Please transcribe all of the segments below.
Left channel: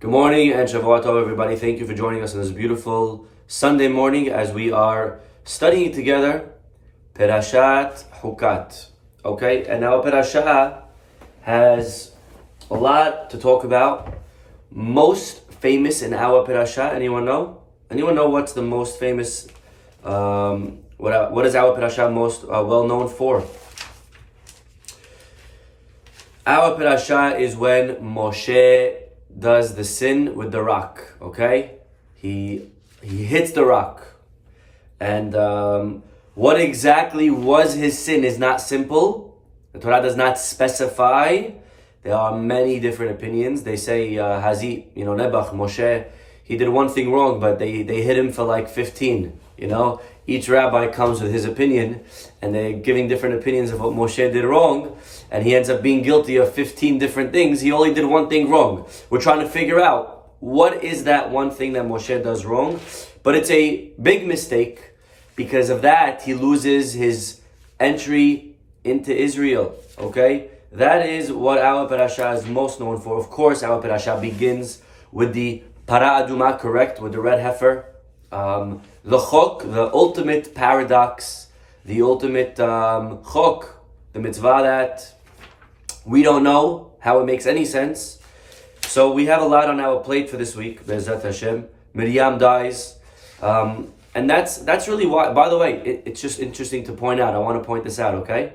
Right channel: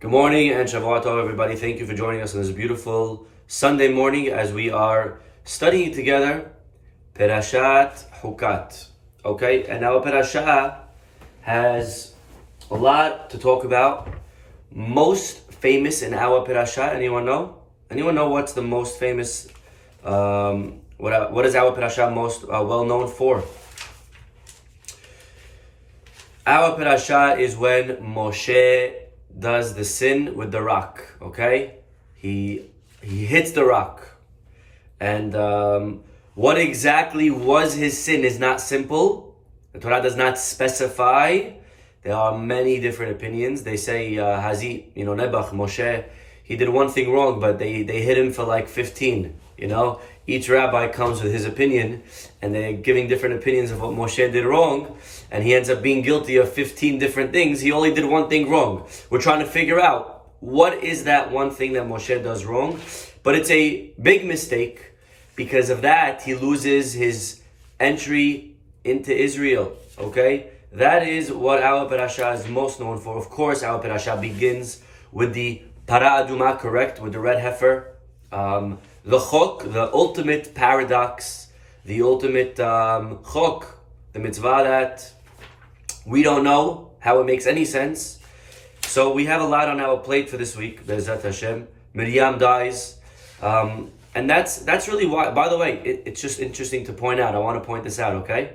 Good morning and Shavua Tov, everybody. Thank you for joining us on this beautiful Sunday morning as we are studying together Perashat Hukat. Okay, and our Perashah has a lot to talk about. Most famous in our Perashah, anyone know? Anyone know what's the most famous? What is our Perashah most well known for? Our Perashah is when Moshe does the sin with the rock. Okay, he hits the rock, and what exactly was his sin is not simple. The Torah does not specify. There are many different opinions. They say Hazi, Nebach, Moshe, he did one thing wrong, but they hit him for like 15. Each rabbi comes with his opinion, and they're giving different opinions of what Moshe did wrong, and he ends up being guilty of 15 different things. He only did one thing wrong. We're trying to figure out what is that one thing that Moshe does wrong, but it's a big mistake. Because of that, he loses his entry into Israel. Okay? That is what our parasha is most known for. Of course, our parasha begins with the para aduma, correct? With the red heifer. The chok, the ultimate paradox, the ultimate chok, the mitzvah that we don't know how it makes any sense. So we have a lot on our plate for this week. Be'ezrat Hashem. Miriam dies. And that's really why, by the way, it's just interesting to point out. I want to point this out, okay?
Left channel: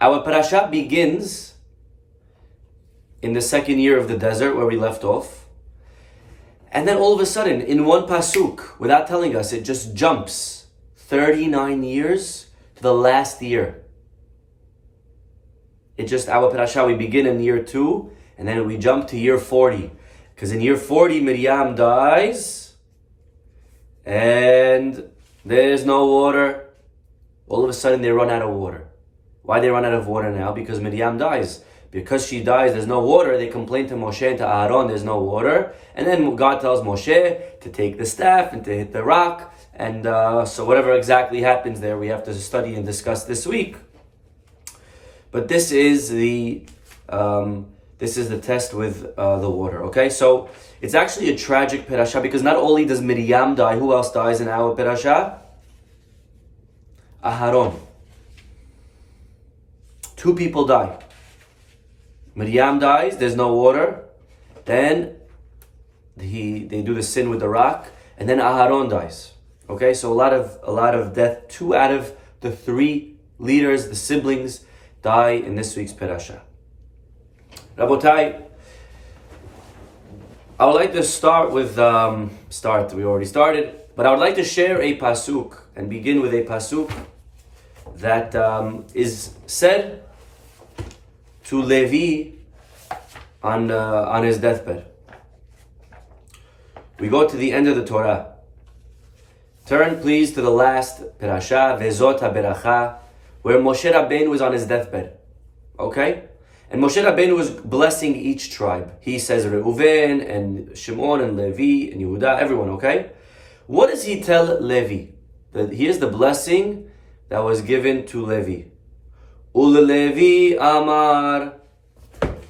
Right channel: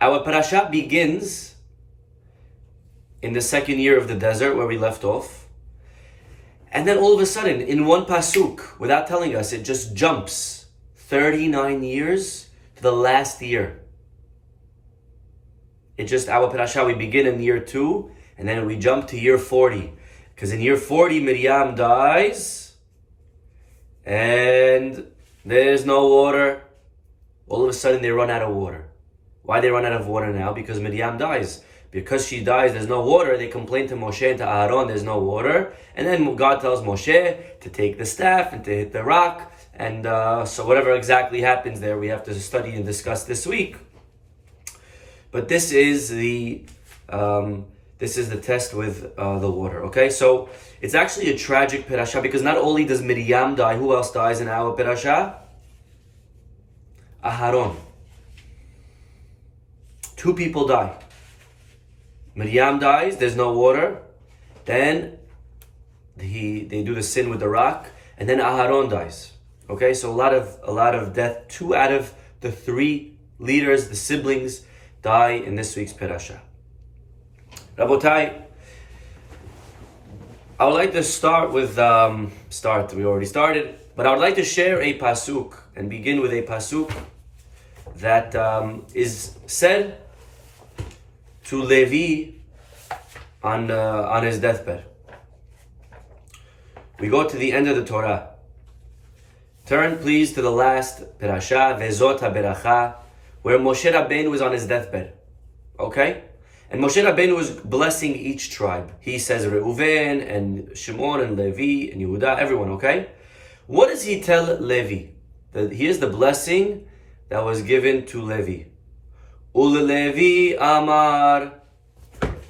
Our parasha begins in the second year of the desert where we left off. And then all of a sudden, in one pasuk, without telling us, it just jumps 39 years to the last year. It just, our parasha, we begin in year 2, and then we jump to year 40. Because in year 40, Miriam dies, and there's no water. All of a sudden, they run out of water. Why they run out of water now? Because Miriam dies. Because she dies, there's no water. They complain to Moshe and to Aaron, there's no water. And then God tells Moshe to take the staff and to hit the rock. And so whatever exactly happens there, we have to study and discuss this week. But this is the test with the water. Okay, so it's actually a tragic parasha because not only does Miriam die, who else dies in our parasha? Aharon. 2 people die. Miriam dies, there's no water. Then they do the sin with the rock, and then Aharon dies. Okay, so a lot of death. 2 out of the 3 leaders, the siblings, die in this week's parasha. Rabotai, I would like to start with we already started, but I would like to share a pasuk and begin with a pasuk that is said to Levi on his deathbed. We go to the end of the Torah. Turn please to the last parasha, Vezot HaBeracha, where Moshe Rabbeinu was on his deathbed. Okay? And Moshe Rabbeinu was blessing each tribe. He says Reuven and Shimon and Levi and Yehuda, everyone, okay? What does he tell Levi? Here's the blessing that was given to Levi. Ul-Levi amar,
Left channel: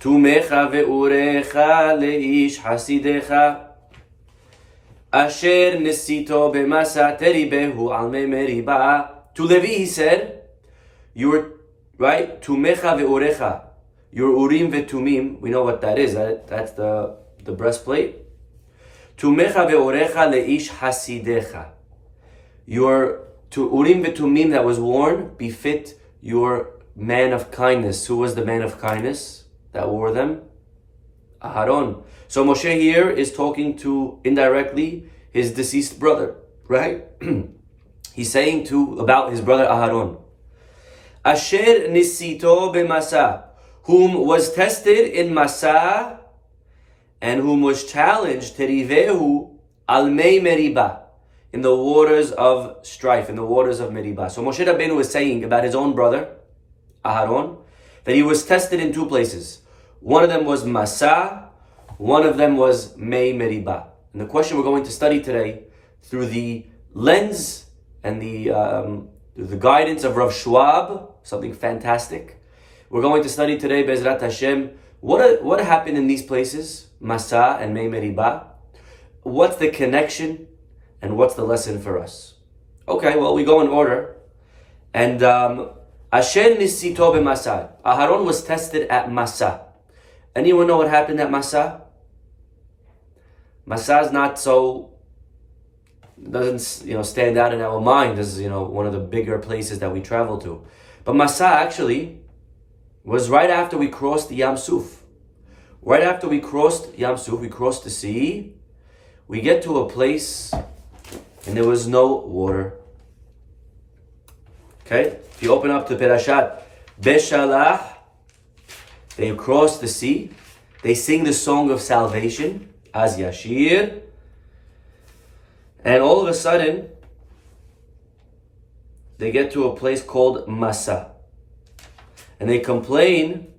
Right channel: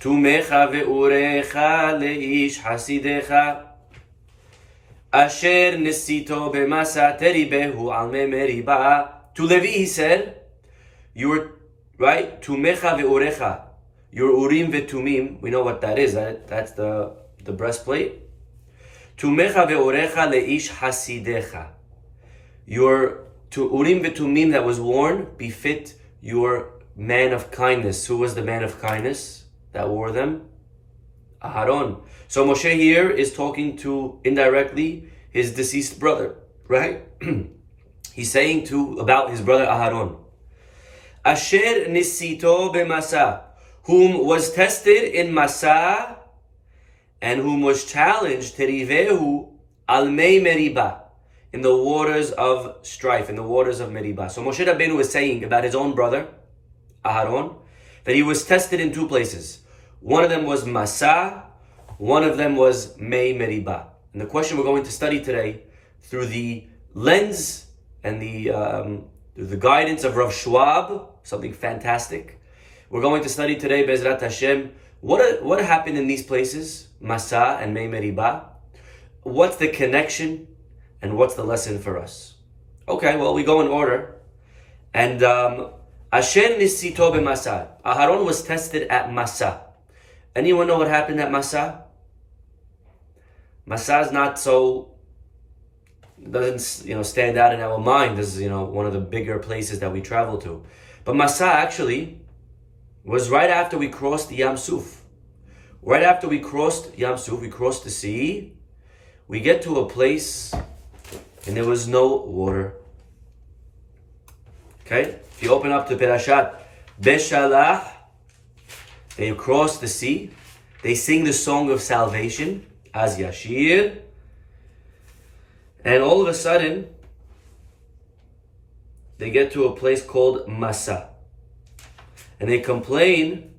Tumecha ve'urecha leish hasidecha, Asher nesito b'masa teribehu al meriba. To Levi he said, your, right, Tumecha ve'urecha, your urim ve'tumim, we know what that is, that's the breastplate. Tumecha ve'urecha leish hasidecha. Your urim ve'tumim that was worn befit your man of kindness. Who was the man of kindness that wore them? Aharon. So Moshe here is talking to, indirectly, his deceased brother, right? He's saying about his brother Aharon. Asher nisito b'masa, whom was tested in Masa, and whom was challenged, terivehu al mei meriba, in the waters of strife, in the waters of Meribah. So Moshe Rabbeinu was saying about his own brother, Aharon, that he was tested in 2 places. One of them was Masa, one of them was Mei Meribah. And the question we're going to study today, through the lens and the guidance of Rav Schwab, something fantastic. We're going to study today, Be'ezrat Hashem, What happened in these places? Masa and Mei Meriba. What's the connection and what's the lesson for us? Okay, well, we go in order. And Ashen nisito b'Masa. Aharon was tested at Masa. Anyone know what happened at Masa? Masa is not so, doesn't stand out in our mind as one of the bigger places that we travel to. But Masa actually was right after we crossed the Yam Suf. Right after we crossed Yam Suf, we crossed the sea. We get to a place and there was no water. Okay? If you open up to Perashat Beshalach, they cross the sea. They sing the song of salvation, Az Yashir. And all of a sudden, they get to a place called Masa. And they complain,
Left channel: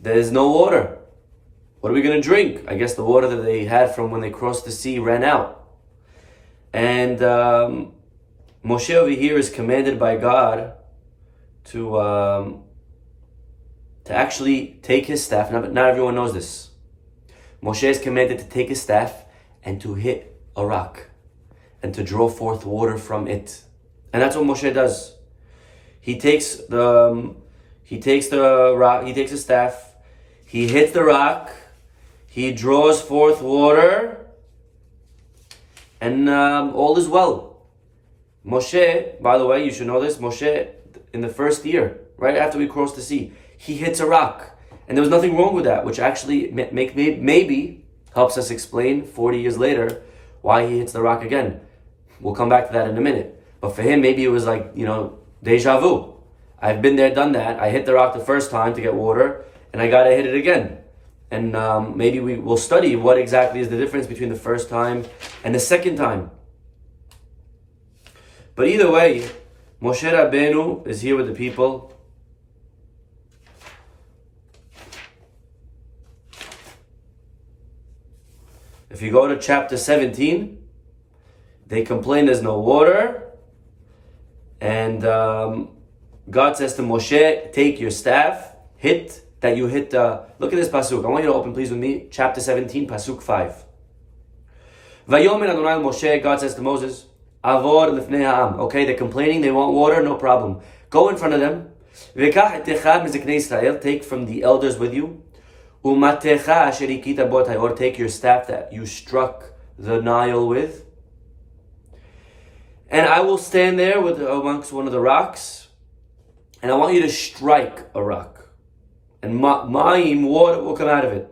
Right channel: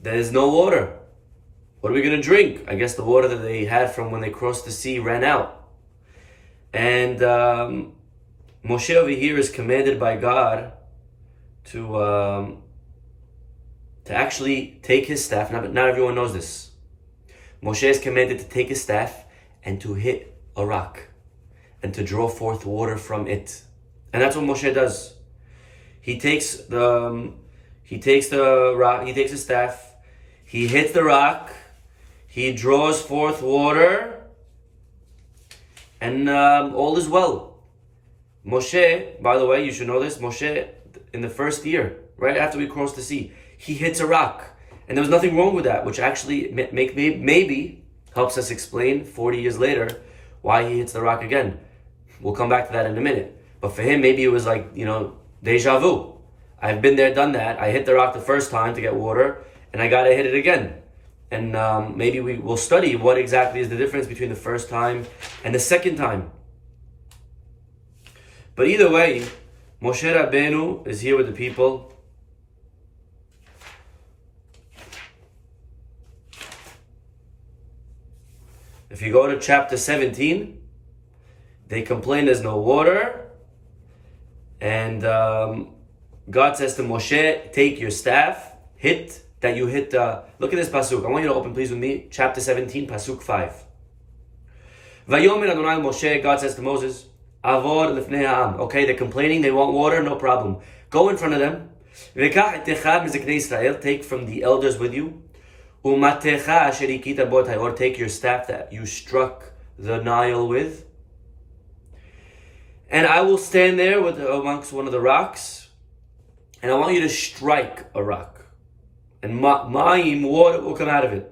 there's no water. What are we going to drink? I guess the water that they had from when they crossed the sea ran out. And Moshe over here is commanded by God to actually take his staff. Not everyone knows this. Moshe is commanded to take his staff and to hit a rock and to draw forth water from it. And that's what Moshe does. He takes the rock, he takes his staff, he hits the rock, he draws forth water, and all is well. Moshe, by the way, you should know this, Moshe, in the first year, right after we crossed the sea, he hits a rock. And there was nothing wrong with that, which actually maybe helps us explain 40 years later why he hits the rock again. We'll come back to that in a minute. But for him, maybe it was like, deja vu. I've been there, done that. I hit the rock the first time to get water, and I gotta hit it again. And maybe we will study what exactly is the difference between the first time and the second time. But either way, Moshe Rabbeinu is here with the people. If you go to chapter 17, they complain there's no water. And God says to Moshe, take your staff, look at this pasuk. I want you to open please with me, chapter 17, pasuk 5. Vayomer Adonai Moshe, God says to Moses, Avor lifnei ha'am. Okay, they're complaining, they want water, no problem. Go in front of them. V'kach et echad miziknei Israel, take from the elders with you. Umatecha asher hikita bo or take your staff that you struck the Nile with. And I will stand there amongst one of the rocks, and I want you to strike a rock. And ma'im, water will come out of it.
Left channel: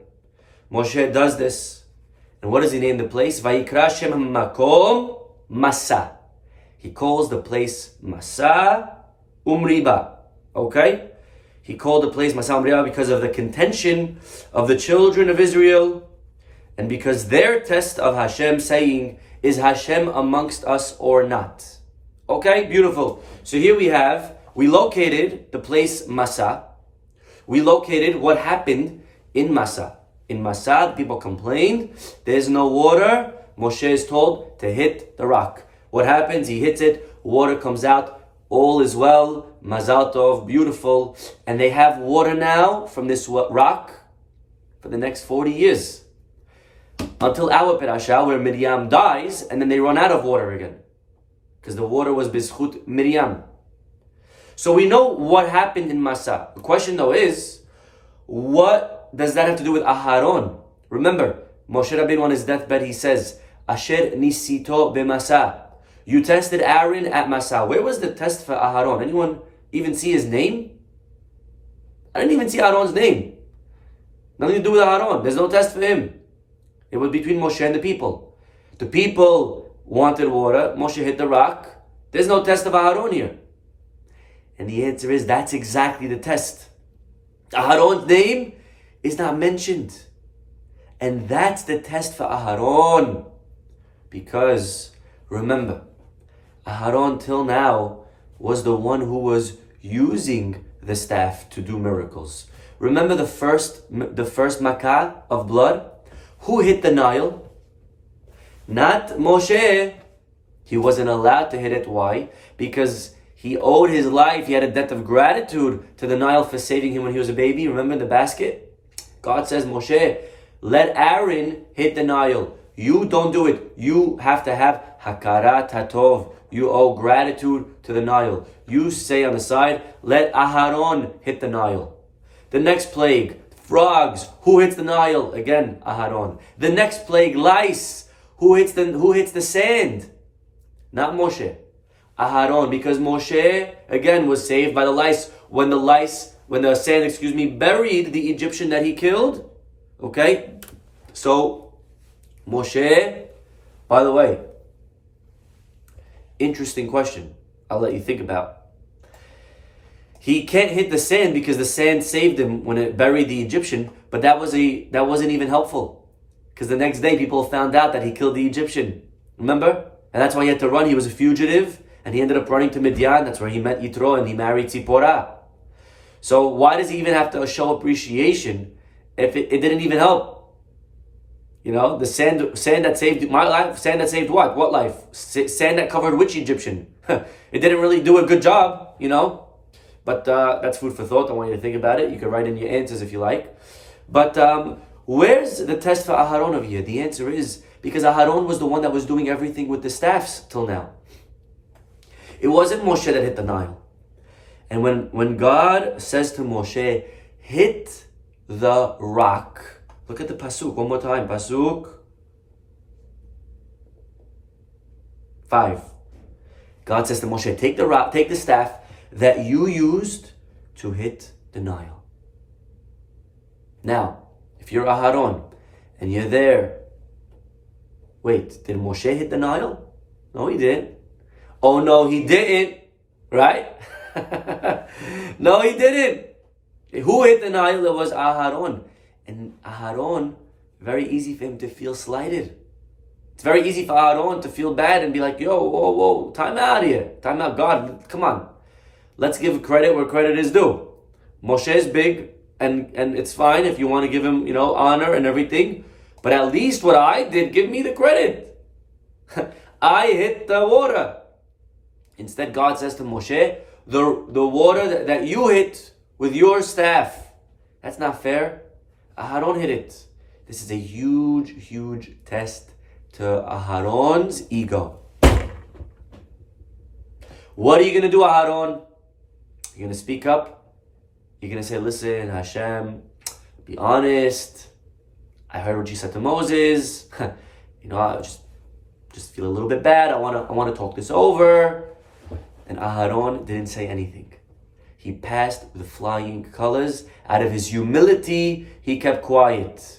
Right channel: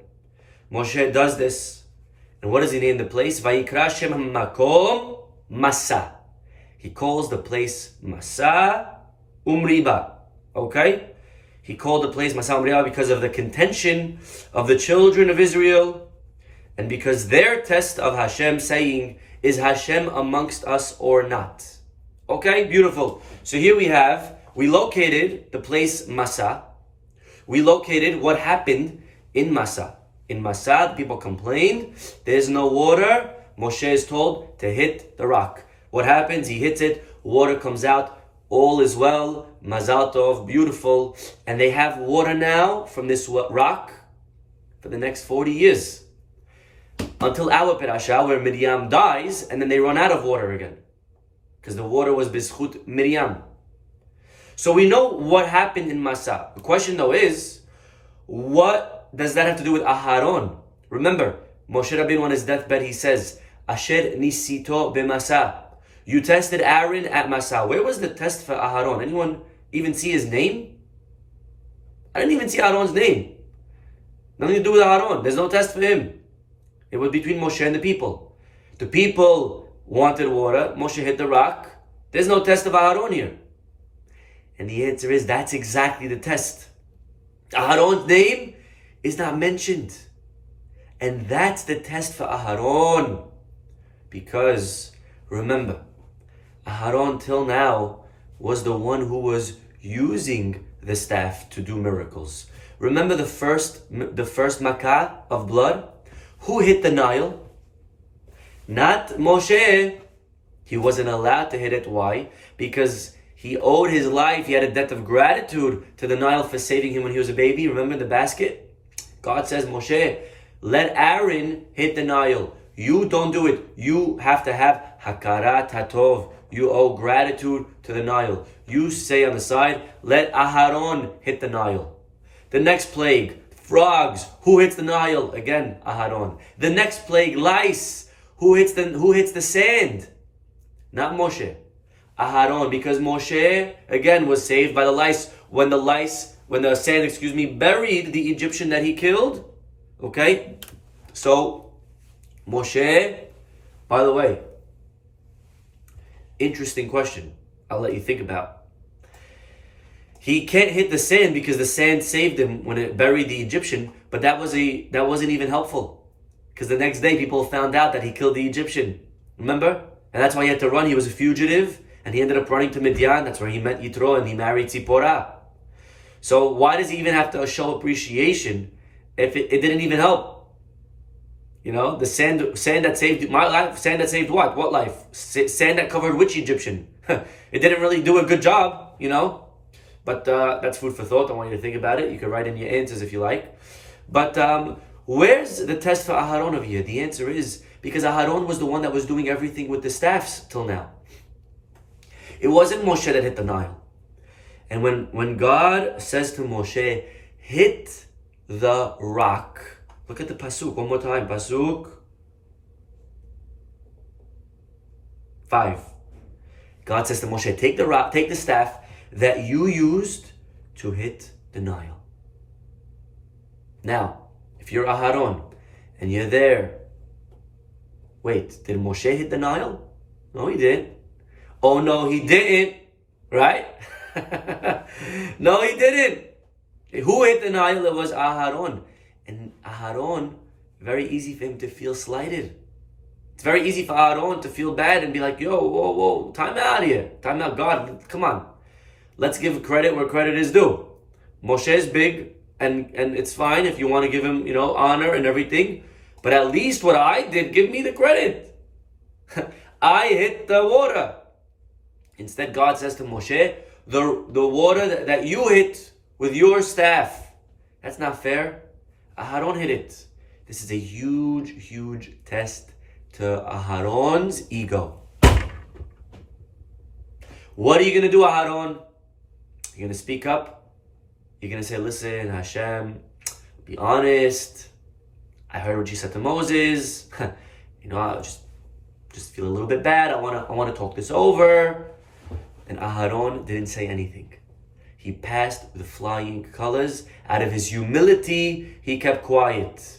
Moshe does this. And what does he name the place? Vayikra shem makom Masa. He calls the place Masa Umriba. Okay? He called the place Masa Umriba because of the contention of the children of Israel, and because their test of Hashem saying, is Hashem amongst us or not? Okay, beautiful. So here we located the place Masa. We located what happened in Masa. In Masa, the people complained, there's no water. Moshe is told to hit the rock. What happens? He hits it, water comes out, all is well, Mazal Tov, beautiful. And they have water now from this rock for the next 40 years. Until our Perasha, where Miriam dies, and then they run out of water again. Because the water was Bizchut Miriam. So we know what happened in Masa. The question though is, what does that have to do with Aharon? Remember, Moshe Rabbeinu on his deathbed, he says, Asher nisito b'Masa. You tested Aaron at Masa. Where was the test for Aharon? Anyone even see his name? I didn't even see Aaron's name. Nothing to do with Aharon. There's no test for him. It was between Moshe and the people. The people wanted water. Moshe hit the rock. There's no test of Aharon here. And the answer is, that's exactly the test. Aharon's name is not mentioned. And that's the test for Aharon. Because, remember, Aharon till now was the one who was using the staff to do miracles. Remember the first makah of blood? Who hit the Nile? Not Moshe. He wasn't allowed to hit it. Why? Because He owed his life. He had a debt of gratitude to the Nile for saving him when he was a baby. Remember the basket? God says, Moshe, let Aaron hit the Nile. You don't do it. You have to have hakarat hatov. You owe gratitude to the Nile. You say on the side, let Aharon hit the Nile. The next plague, frogs. Who hits the Nile? Again, Aharon. The next plague, lice. Who hits the sand? Not Moshe. Aharon, because Moshe again was saved by the lice when the sand, buried the Egyptian that he killed. Okay? So Moshe, by the way, interesting question. I'll let you think about. He can't hit the sand because the sand saved him when it buried the Egyptian, but that wasn't even helpful. Because the next day people found out that he killed the Egyptian. Remember? And that's why he had to run. He was a fugitive, and he ended up running to Midian. That's where he met Yitro, and he married Tzipporah. So why does he even have to show appreciation if it didn't even help? You know, the sand that saved my life, sand that saved what? What life? Sand that covered which Egyptian? It didn't really do a good job, you know? But that's food for thought. I want you to think about it. You can write in your answers if you like. But where's the test for Aharon over here? The answer is because Aharon was the one that was doing everything with the staffs till now. It wasn't Moshe that hit the Nile. And when God says to Moshe, hit the rock. Look at the pasuk one more time. Pasuk 5. God says to Moshe, take the rock, take the staff that you used to hit the Nile. Now, if you're Aharon and you're there, wait, did Moshe hit the Nile? No, he didn't. Oh no, he didn't, right? No, he didn't. Who hit the Nile? It was Aharon. And Aharon, very easy for him to feel slighted. It's very easy for Aharon to feel bad and be like, yo, whoa, time out here. Time out, God, come on. Let's give credit where credit is due. Moshe is big, and it's fine if you want to give him, honor and everything. But at least what I did, give me the credit. I hit the water. Instead, God says to Moshe, the water that you hit with your staff, that's not fair. Aharon hit it. This is a huge, huge test to Aharon's ego. What are you going to do, Aharon? You're going to speak up. You're going to say, listen, Hashem, be honest. I heard what you said to Moses. I just feel a little bit bad. I want to talk this over. And Aharon didn't say anything. He passed with flying colors. Out of his humility, he kept quiet.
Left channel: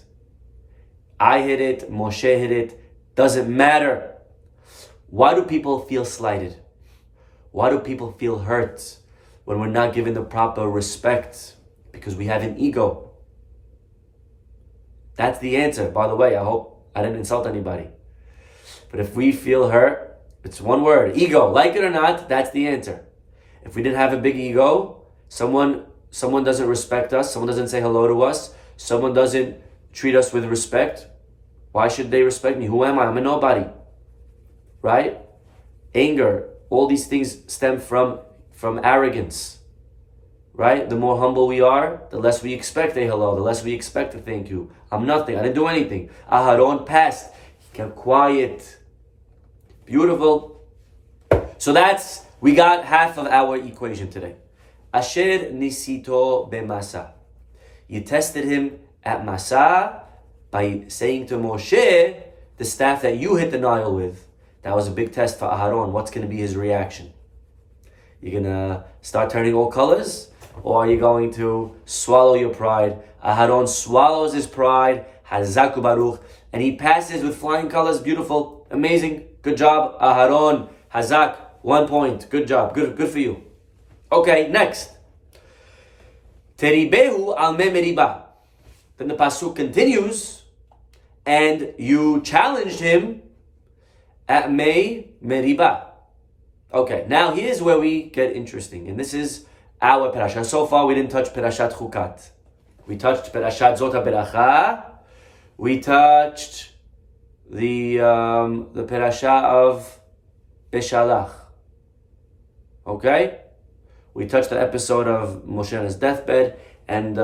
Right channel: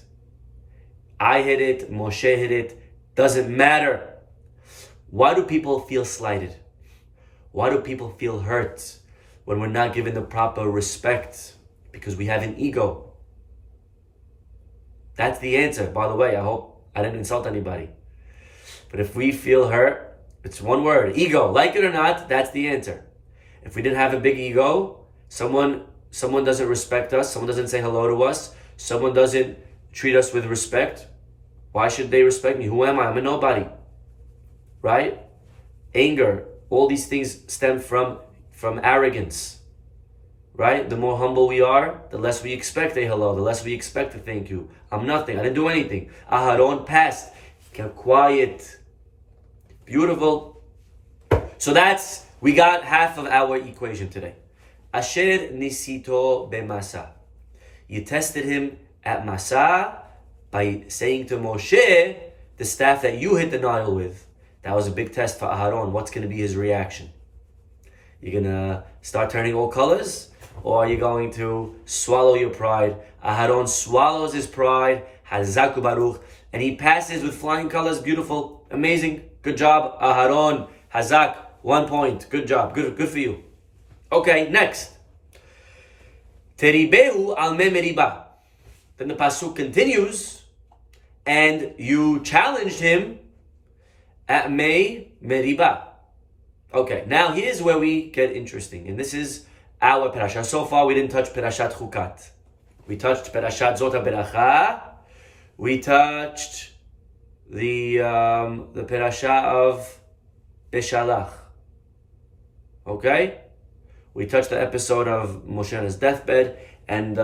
I hit it, Moshe hit it. Doesn't matter. Why do people feel slighted? Why do people feel hurt when we're not given the proper respect? Because we have an ego. That's the answer. By the way, I hope I didn't insult anybody. But if we feel hurt, it's one word, ego. Like it or not, that's the answer. If we didn't have a big ego, someone doesn't respect us, someone doesn't say hello to us, someone doesn't treat us with respect, why should they respect me? Who am I? I'm a nobody. Right? Anger, all these things stem from arrogance. Right? The more humble we are, the less we expect a hello, the less we expect a thank you. I'm nothing. I didn't do anything. Aharon passed. Kept quiet. Beautiful. So we got half of our equation today. Asher nisito b'masa. You tested him at Masa by saying to Moshe, the staff that you hit the Nile with. That was a big test for Aharon. What's going to be his reaction? You're going to start turning all colors? Or are you going to swallow your pride? Aharon swallows his pride. Hazaku Baruch. And he passes with flying colors. Beautiful. Amazing. Good job, Aharon. Hazak. 1 point. Good job. Good for you. Okay, next. Teribehu al me meriba. Then the pasuk continues, and you challenged him at me meriba. Okay, now here's where we get interesting, and this is our parasha. So far, we didn't touch parashat Hukat. We touched parashat Zot HaBeracha. We touched the parasha of Beshalach. Okay? We touched the episode of Moshe on his deathbed, and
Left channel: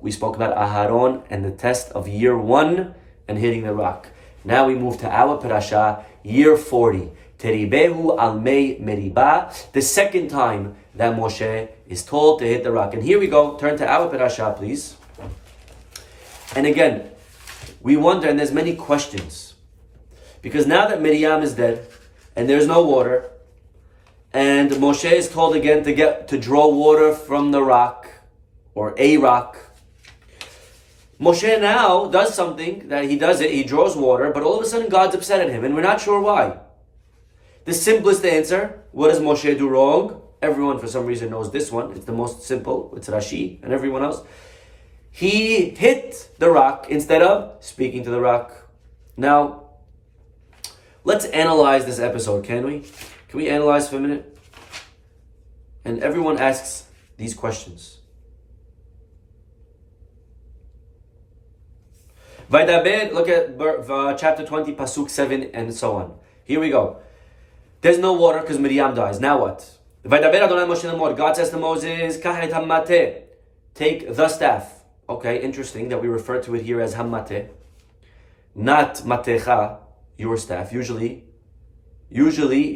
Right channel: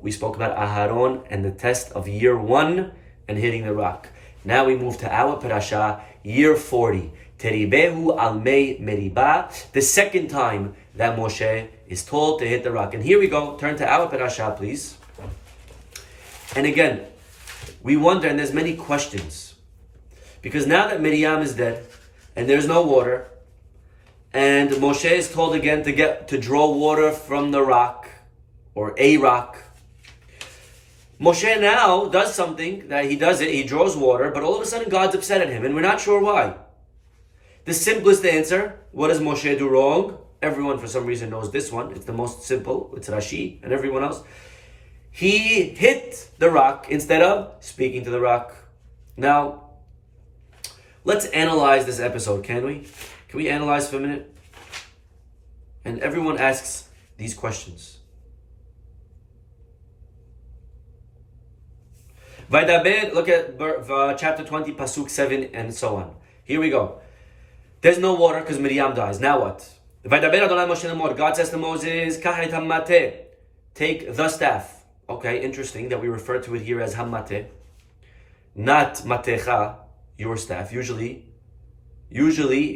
we spoke about Aharon and the test of year 1 and hitting the rock. Now we move to our parasha, year 40. Teribehu al mei meriba, the second time that Moshe is told to hit the rock. And here we go. Turn to our parasha, please. And again, we wonder, and there's many questions, because now that Miriam is dead, and there's no water, and Moshe is told again to draw water from the rock, or a rock. Moshe now does something that he draws water, but all of a sudden God's upset at him, and we're not sure why. The simplest answer, what does Moshe do wrong? Everyone for some reason knows this one. It's the most simple. It's Rashi and everyone else. He hit the rock instead of speaking to the rock. Now, let's analyze this episode, can we? Can we analyze for a minute? And everyone asks these questions. Vaydaber, look at chapter 20, pasuk 7, and so on. Here we go. There's no water because Miriam dies. Now what? Vaydaber Adonai Moshe lemor. God says to Moses, Kach et hammateh. Take the staff. Okay, interesting that we refer to it here as hammateh, not matecha, your staff. Usually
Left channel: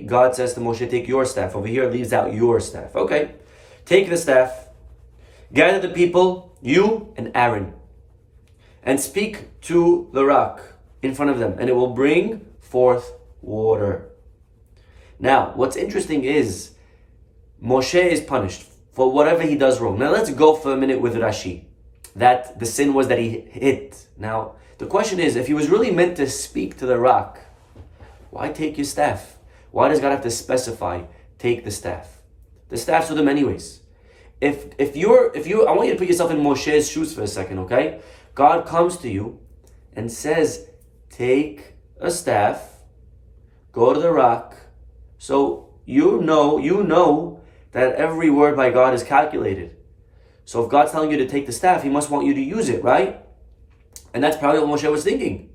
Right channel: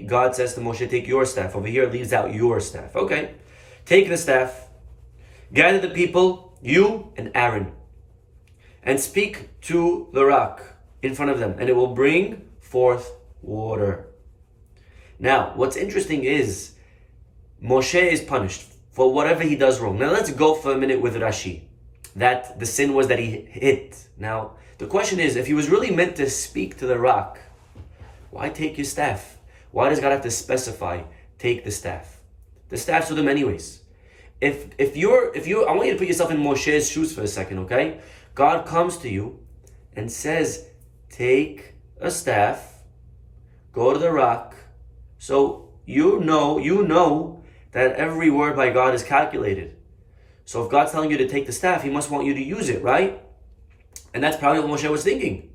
God says to Moshe, take your staff. Over here it leaves out your staff. Okay, take the staff, gather the people, you and Aaron, and speak to the rock in front of them, and it will bring forth water. Now, what's interesting is Moshe is punished for whatever he does wrong. Now let's go for a minute with Rashi, that the sin was that he hit. Now, the question is, if he was really meant to speak to the rock, why take your staff? Why does God have to specify, take the staff? The staff's with him anyways. If I want you to put yourself in Moshe's shoes for a second, okay? God comes to you and says, take a staff, go to the rock. So you know that every word by God is calculated. So if God's telling you to take the staff, he must want you to use it, right? And that's probably what Moshe was thinking.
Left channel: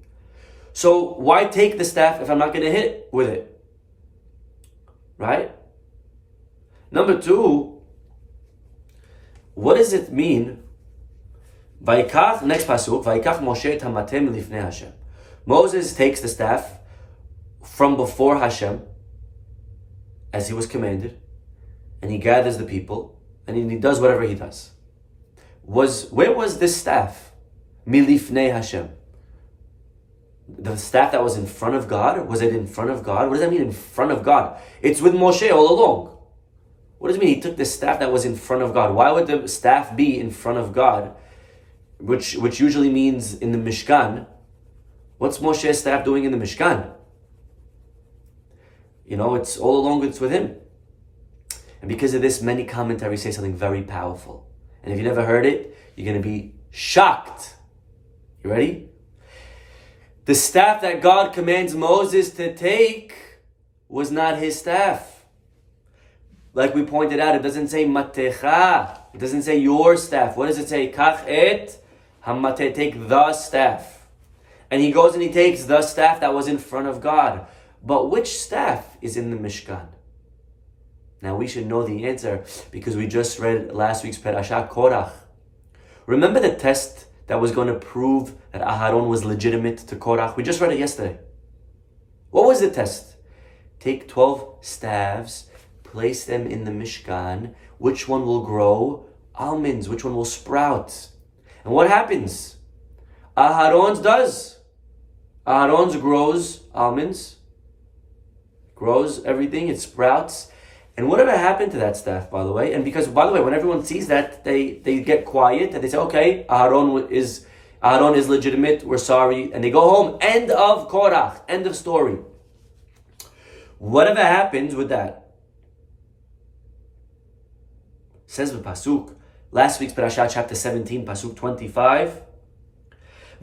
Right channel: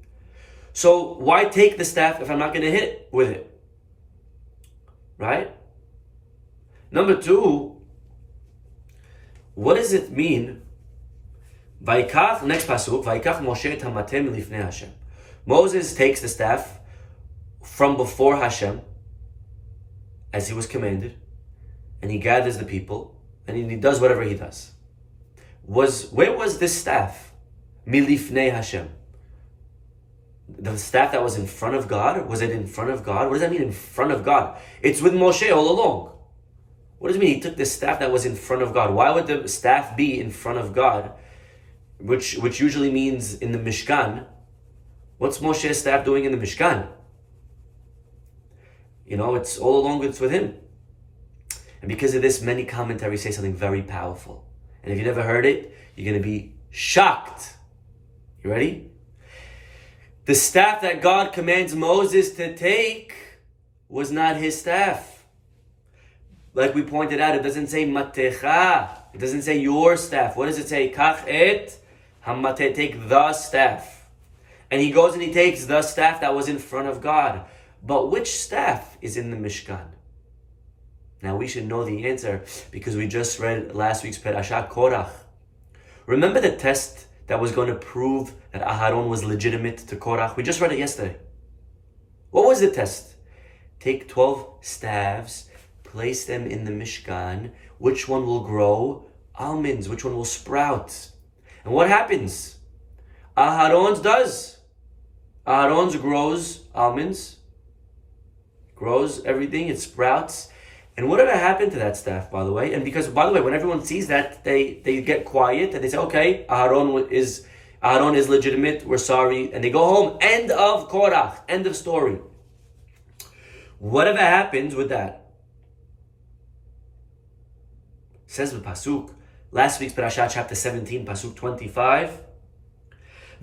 So why take the staff if I'm not going to hit with it? Right? Number 2, what does it mean? Vaikach, next pasuk, Vaikach Moshe et hammateh milifnei Hashem. Moses takes the staff from before Hashem, as he was commanded, and he gathers the people, and he does whatever he does. Where was this staff? Milifnei Hashem. The staff that was in front of God? Was it in front of God? What does that mean, in front of God? It's with Moshe all along. What does it mean he took the staff that was in front of God? Why would the staff be in front of God? Which usually means in the Mishkan. What's Moshe's staff doing in the Mishkan? It's all along, it's with him. And because of this, many commentaries say something very powerful. And if you never heard it, you're going to be shocked. You ready? The staff that God commands Moses to take was not his staff. Like we pointed out, it doesn't say matecha. It doesn't say your staff. What does it say? Kach et hammateh, take the staff. And he goes and he takes the staff that was in front of God. But which staff is in the Mishkan? Now we should know the answer because we just read last week's Parashat Korach. Remember the test that was going to prove that Aharon was legitimate to Korach? We just read it yesterday. What was the test? Take 12 staves, place them in the Mishkan. Which one will grow almonds? Which one will sprout? And what happens? Aharon's does. Aharon's grows almonds, grows everything, it sprouts. And whatever happened to that staff, by the way? And because, by the way, when everyone sees that, they get quiet and they say, okay, Aharon is legitimate, we're sorry, and they go home. End of Korach, end of story. Whatever happens with that? Says the pasuk, last week's parasha, chapter 17, pasuk 25.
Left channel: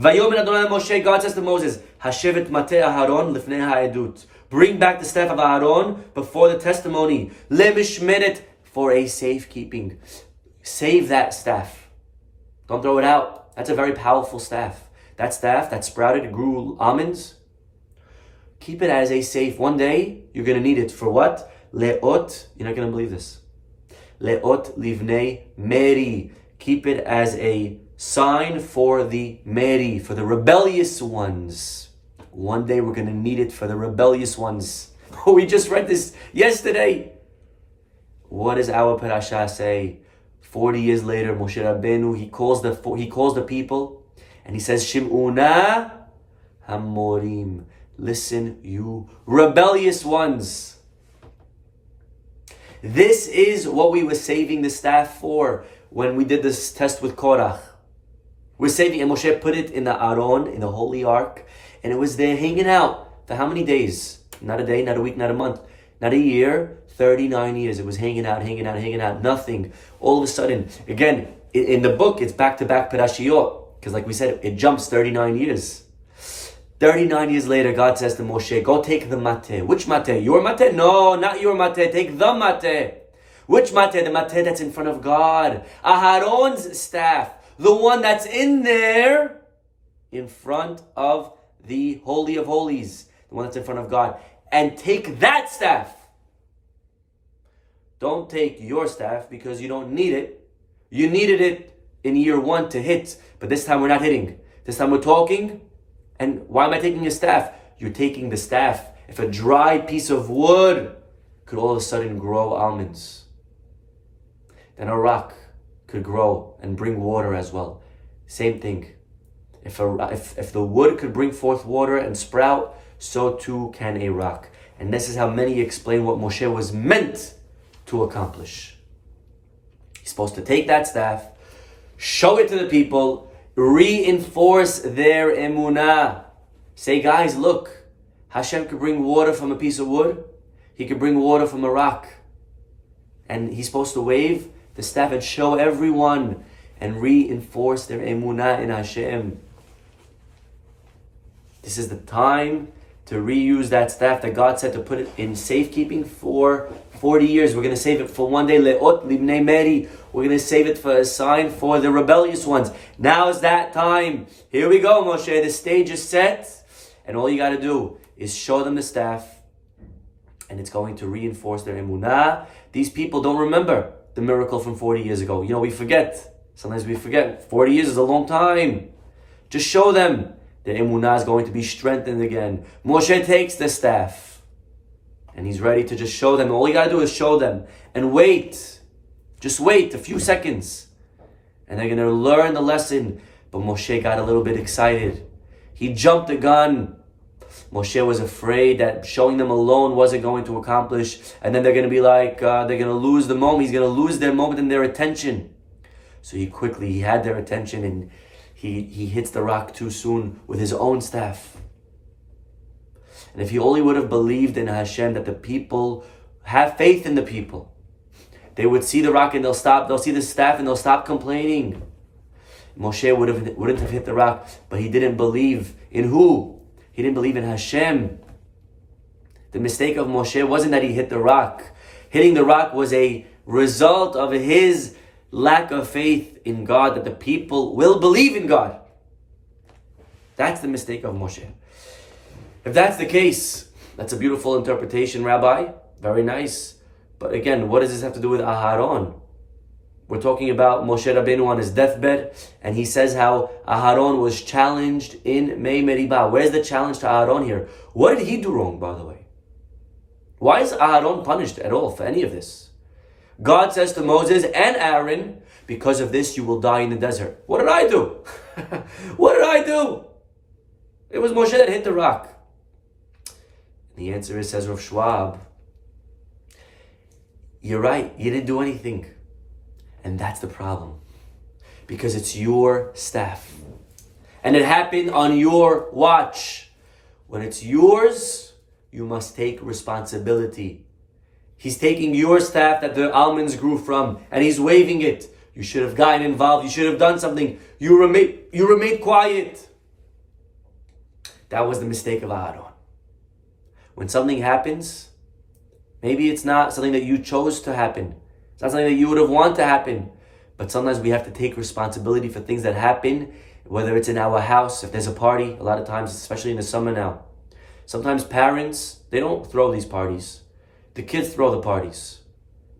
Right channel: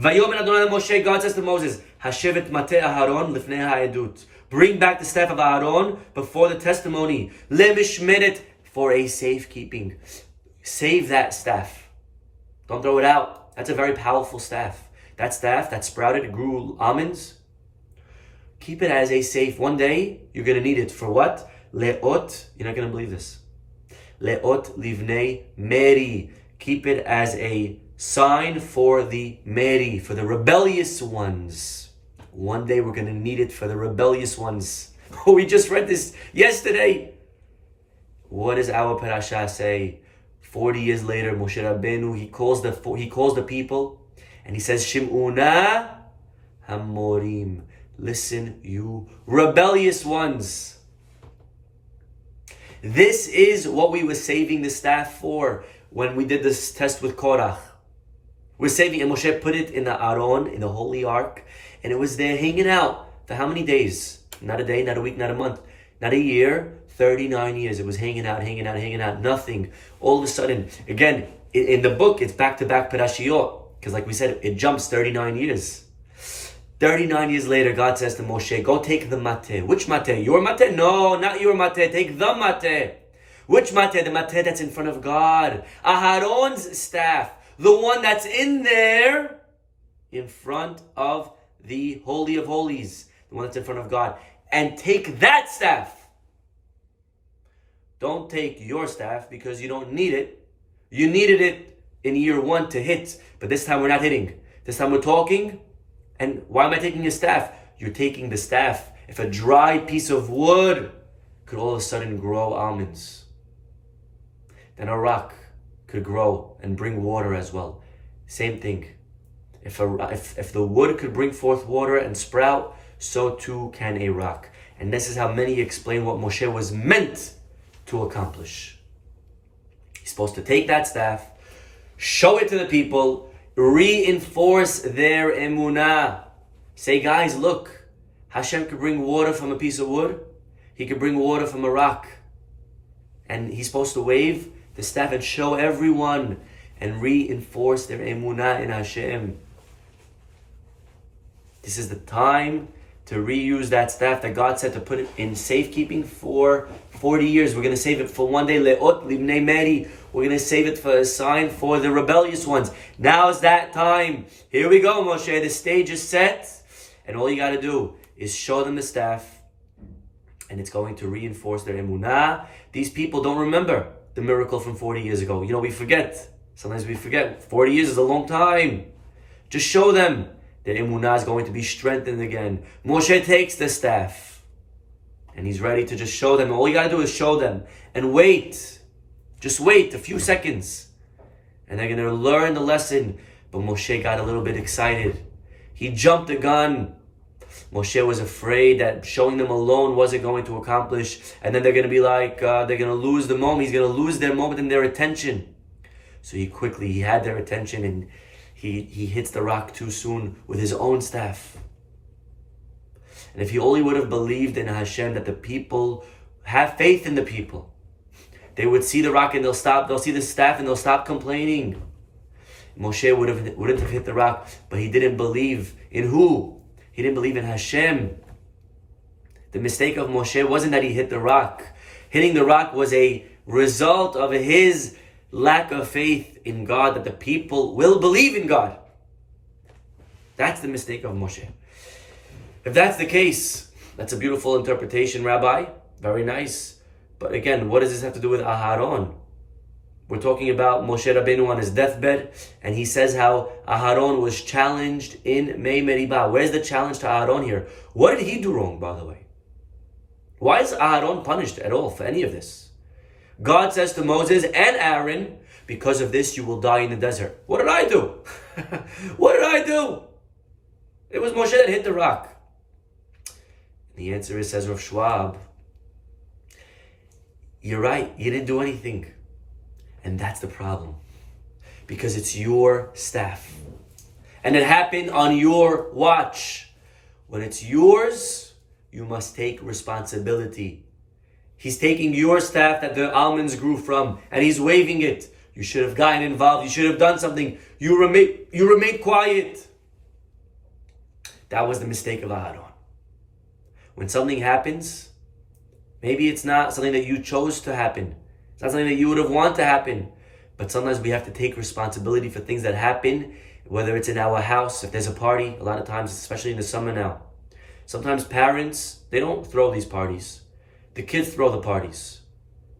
Vayomer Adonai Moshe, God says to Moses, Hashevet mateh Aharon lifnei ha'edut. Bring back the staff of Aharon before the testimony. Lemishmeret, for a safekeeping. Save that staff. Don't throw it out. That's a very powerful staff. That staff that sprouted, grew almonds. Keep it as a safe. One day, you're going to need it. For what? Le'ot, you're not going to believe this. Le'ot livnei meri. Keep it as a sign for the meri, for the rebellious ones. One day we're going to need it for the rebellious ones. We just read this yesterday. What does our parasha say? 40 years later, Moshe Rabbeinu, he calls the people and he says, Shim'una hamorim. Listen, you rebellious ones. This is what we were saving the staff for when we did this test with Korach. We're saving, and Moshe put it in the Aron, in the Holy Ark, and it was there hanging out for how many days? Not a day, not a week, not a month, not a year, 39 years. It was hanging out, nothing. All of a sudden, again, in the book, it's back-to-back parashiyot, because like we said, it jumps 39 years. 39 years later, God says to Moshe, go take the mateh. Which mateh? Your mateh? No, not your mateh. Take the mateh. Which mateh? The mateh that's in front of God. Aharon's staff. The one that's in there, in front of the Holy of Holies. The one that's in front of God. And take that staff. Don't take your staff because you don't need it. You needed it in year 1 to hit. But this time we're not hitting. This time we're talking. And why am I taking your staff? You're taking the staff. If a dry piece of wood could all of a sudden grow almonds, then a rock could grow and bring water as well. Same thing. If the wood could bring forth water and sprout, so too can a rock. And this is how many explain what Moshe was meant to accomplish. He's supposed to take that staff, show it to the people, reinforce their emunah. Say, guys, look, Hashem could bring water from a piece of wood. He could bring water from a rock. And he's supposed to wave the staff and show everyone and reinforce their emunah in Hashem. This is the time to reuse that staff that God said to put it in safekeeping for 40 years. We're going to save it for one day. Le'ot livnei meri. We're going to save it for a sign for the rebellious ones. Now's that time. Here we go, Moshe. The stage is set. And all you got to do is show them the staff. And it's going to reinforce their emunah. These people don't remember the miracle from 40 years ago. You know, we forget. Sometimes we forget. 40 years is a long time. Just show them. Their emunah is going to be strengthened again. Moshe takes the staff. And he's ready to just show them. All you got to do is show them. And wait. Just wait a few seconds. And they're going to learn the lesson. But Moshe got a little bit excited. He jumped the gun. Moshe was afraid that showing them alone wasn't going to accomplish. And then they're going to be like, they're going to lose the moment. He's going to lose their moment and their attention. So he had their attention, and he hits the rock too soon with his own staff. And if he only would have believed in Hashem, that the people have faith in the people, they would see the rock and they'll see the staff and they'll stop complaining. Moshe wouldn't have hit the rock, but he didn't believe in who? He didn't believe in Hashem. The mistake of Moshe wasn't that he hit the rock. Hitting the rock was a result of his lack of faith in God, that the people will believe in God. That's the mistake of Moshe. If that's the case, that's a beautiful interpretation, Rabbi. Very nice. But again, what does this have to do with Aharon? We're talking about Moshe Rabbeinu on his deathbed, and he says how Aharon was challenged in Mei Meribah. Where's the challenge to Aharon here? What did he do wrong, by the way? Why is Aharon punished at all for any of this? God says to Moses and Aaron, because of this you will die in the desert. What did I do? What did I do? It was Moshe that hit the rock. The answer is, says Rav Schwab, you're right, you didn't do anything. And that's the problem. Because it's your staff. And it happened on your watch. When it's yours, you must take responsibility. He's taking your staff that the almonds grew from, and he's waving it. You should have gotten involved. You should have done something. You remained quiet. That was the mistake of Aharon. When something happens, maybe it's not something that you chose to happen. It's not something that you would have wanted to happen. But sometimes we have to take responsibility for things that happen, whether it's in our house, if there's a party, a lot of times, especially in the summer now. Sometimes parents, they don't throw these parties. The kids throw the parties,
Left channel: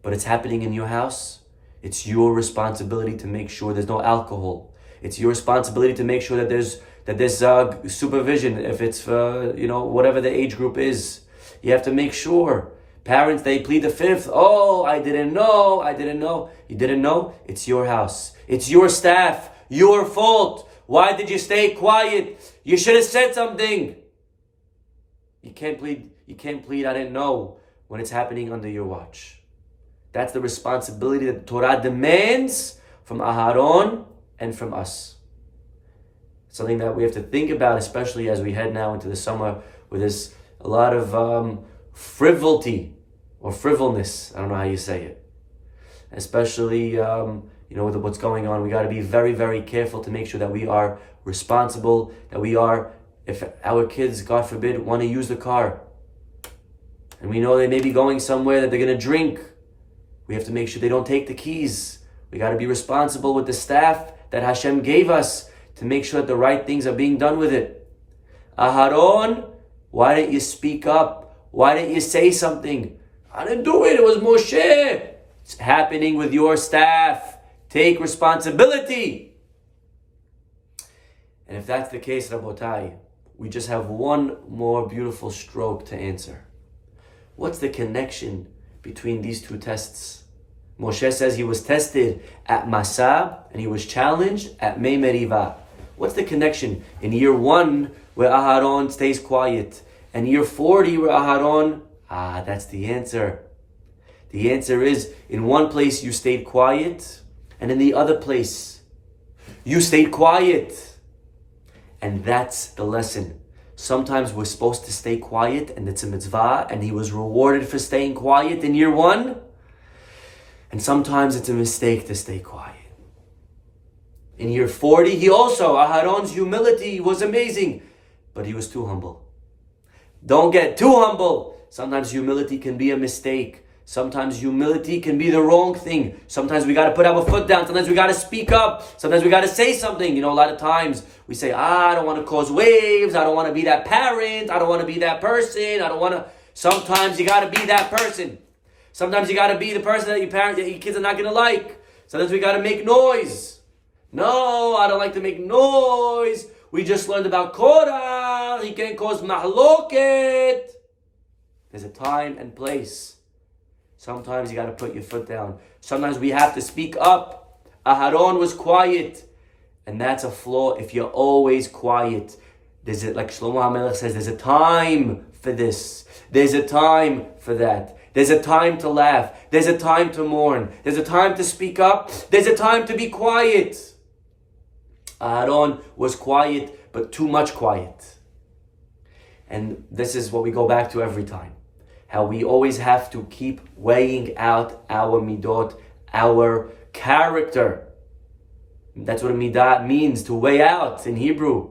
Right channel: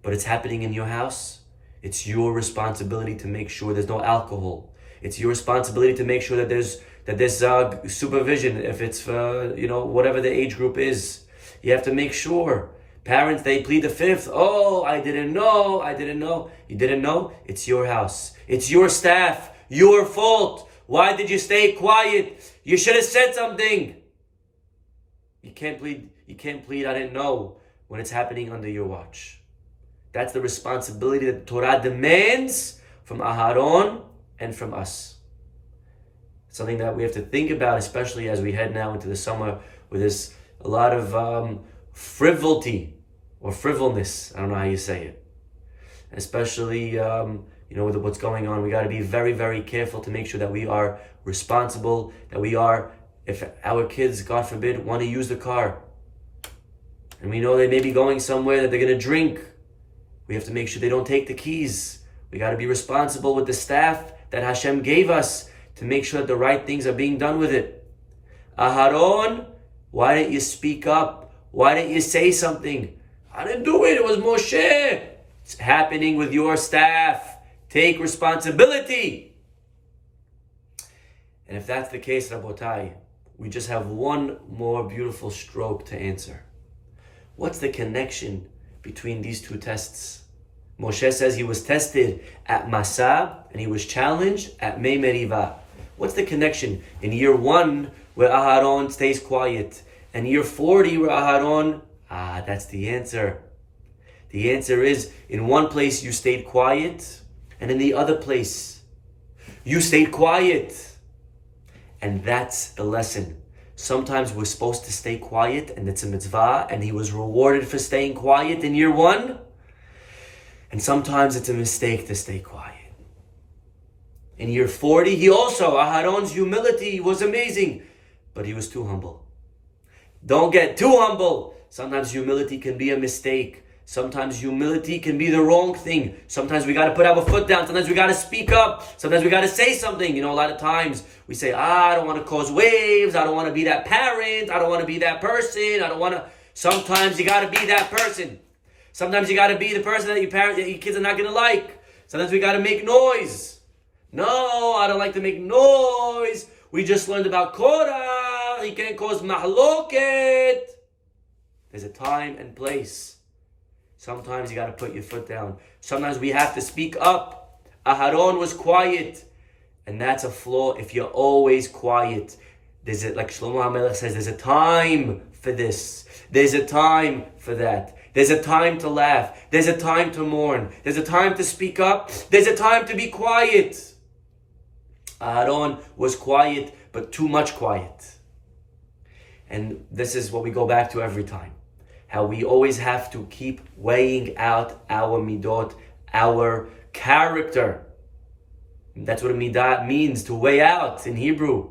but it's happening in your house. It's your responsibility to make sure there's no alcohol. It's your responsibility to make sure that there's supervision if it's for, whatever the age group is. You have to make sure. Parents, they plead the fifth. Oh, I didn't know. You didn't know? It's your house. It's your staff. Your fault. Why did you stay quiet? You should have said something. You can't plead, I didn't know, when it's happening under your watch. That's the responsibility that Torah demands from Aharon and from us. Something that we have to think about, especially as we head now into the summer, where there's a lot of frivolity or frivolness. I don't know how you say it. Especially, with what's going on, we got to be very, very careful to make sure that we are responsible, that we are, if our kids, God forbid, want to use the car, and we know they may be going somewhere that they're going to drink, we have to make sure they don't take the keys. We got to be responsible with the staff that Hashem gave us to make sure that the right things are being done with it. Aharon, why didn't you speak up? Why didn't you say something? I didn't do it. It was Moshe. It's happening with your staff. Take responsibility. And if that's the case, Rabotai, we just have one more beautiful stroke to answer. What's the connection between these two tests? Moshe says he was tested at Masa and he was challenged at Mei Meriva. What's the connection in year 1 where Aharon stays quiet and year 40 where Aharon, that's the answer. The answer is, in one place you stayed quiet and in the other place you stayed quiet. And that's the lesson. Sometimes we're supposed to stay quiet and it's a mitzvah and he was rewarded for staying quiet in year 1. And sometimes it's a mistake to stay quiet. In year 40, Aharon's humility was amazing, but he was too humble. Don't get too humble. Sometimes humility can be a mistake. Sometimes humility can be the wrong thing. Sometimes we got to put our foot down. Sometimes we got to speak up. Sometimes we got to say something. A lot of times we say, I don't want to cause waves. I don't want to be that parent. I don't want to be that person. Sometimes you got to be that person. Sometimes you got to be the person that your kids are not going to like. Sometimes we got to make noise. No, I don't like to make noise. We just learned about Korah. He can't cause mahloket. There's a time and place. Sometimes you got to put your foot down. Sometimes we have to speak up. Aharon was quiet. And that's a flaw if you're always quiet. Like Shlomo HaMelech says, there's a time for this. There's a time for that. There's a time to laugh. There's a time to mourn. There's a time to speak up. There's a time to be quiet. Aharon was quiet, but too much quiet. And this is what we go back to every time. How we always have to keep weighing out our midot, our character. That's what a midah means, to weigh out in Hebrew.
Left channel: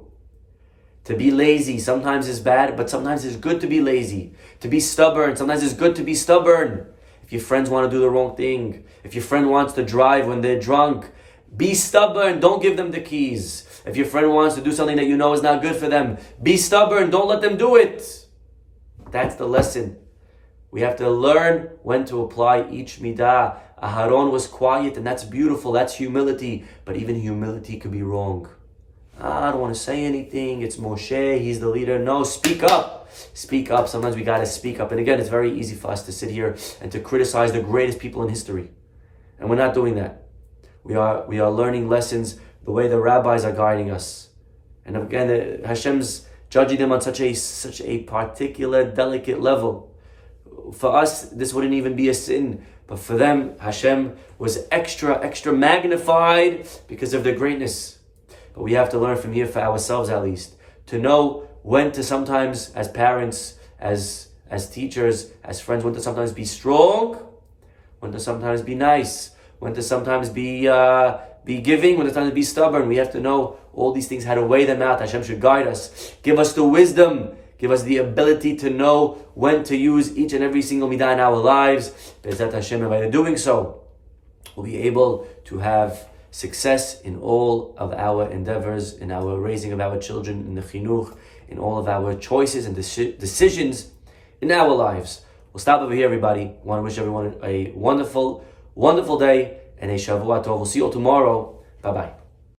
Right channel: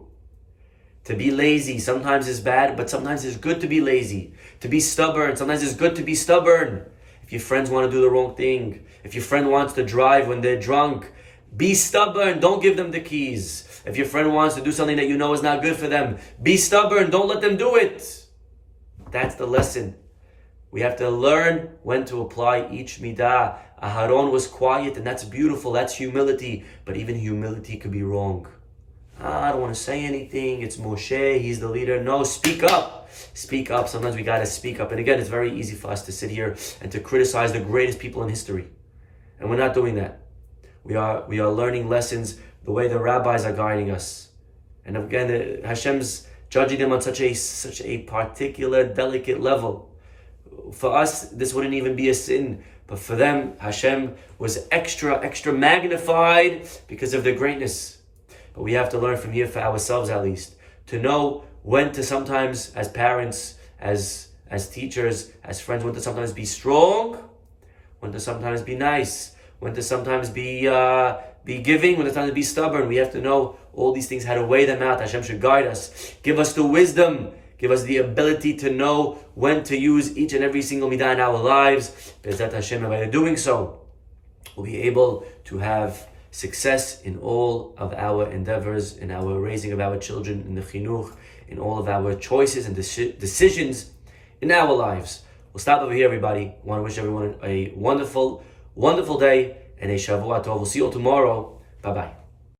To be lazy sometimes is bad, but sometimes it's good to be lazy. To be stubborn, sometimes it's good to be stubborn. If your friends want to do the wrong thing, if your friend wants to drive when they're drunk, be stubborn, don't give them the keys. If your friend wants to do something that you know is not good for them, be stubborn, don't let them do it. That's the lesson. We have to learn when to apply each midah. Aharon was quiet, and that's beautiful, that's humility. But even humility could be wrong. I don't want to say anything, it's Moshe, he's the leader. No, speak up. Speak up. Sometimes we got to speak up. And again, it's very easy for us to sit here and to criticize the greatest people in history. And we're not doing that. We are learning lessons the way the rabbis are guiding us. And again, Hashem's judging them on such a particular, delicate level. For us, this wouldn't even be a sin. But for them, Hashem was extra magnified because of their greatness. But we have to learn from here for ourselves at least, to know when to sometimes, as parents, as teachers, as friends, when to sometimes be strong, when to sometimes be nice, when to sometimes be giving, when to sometimes be stubborn. We have to know all these things, how to weigh them out. Hashem should guide us. Give us the wisdom. Give us the ability to know when to use each and every single midah in our lives. Bezat Hashem, and by doing so, we'll be able to have success in all of our endeavors, in our raising of our children, in the chinuch, in all of our choices and decisions in our lives. We'll stop over here, everybody. Want to wish everyone a wonderful, wonderful day and a Shavua Tov. We'll see you all tomorrow. Bye-bye.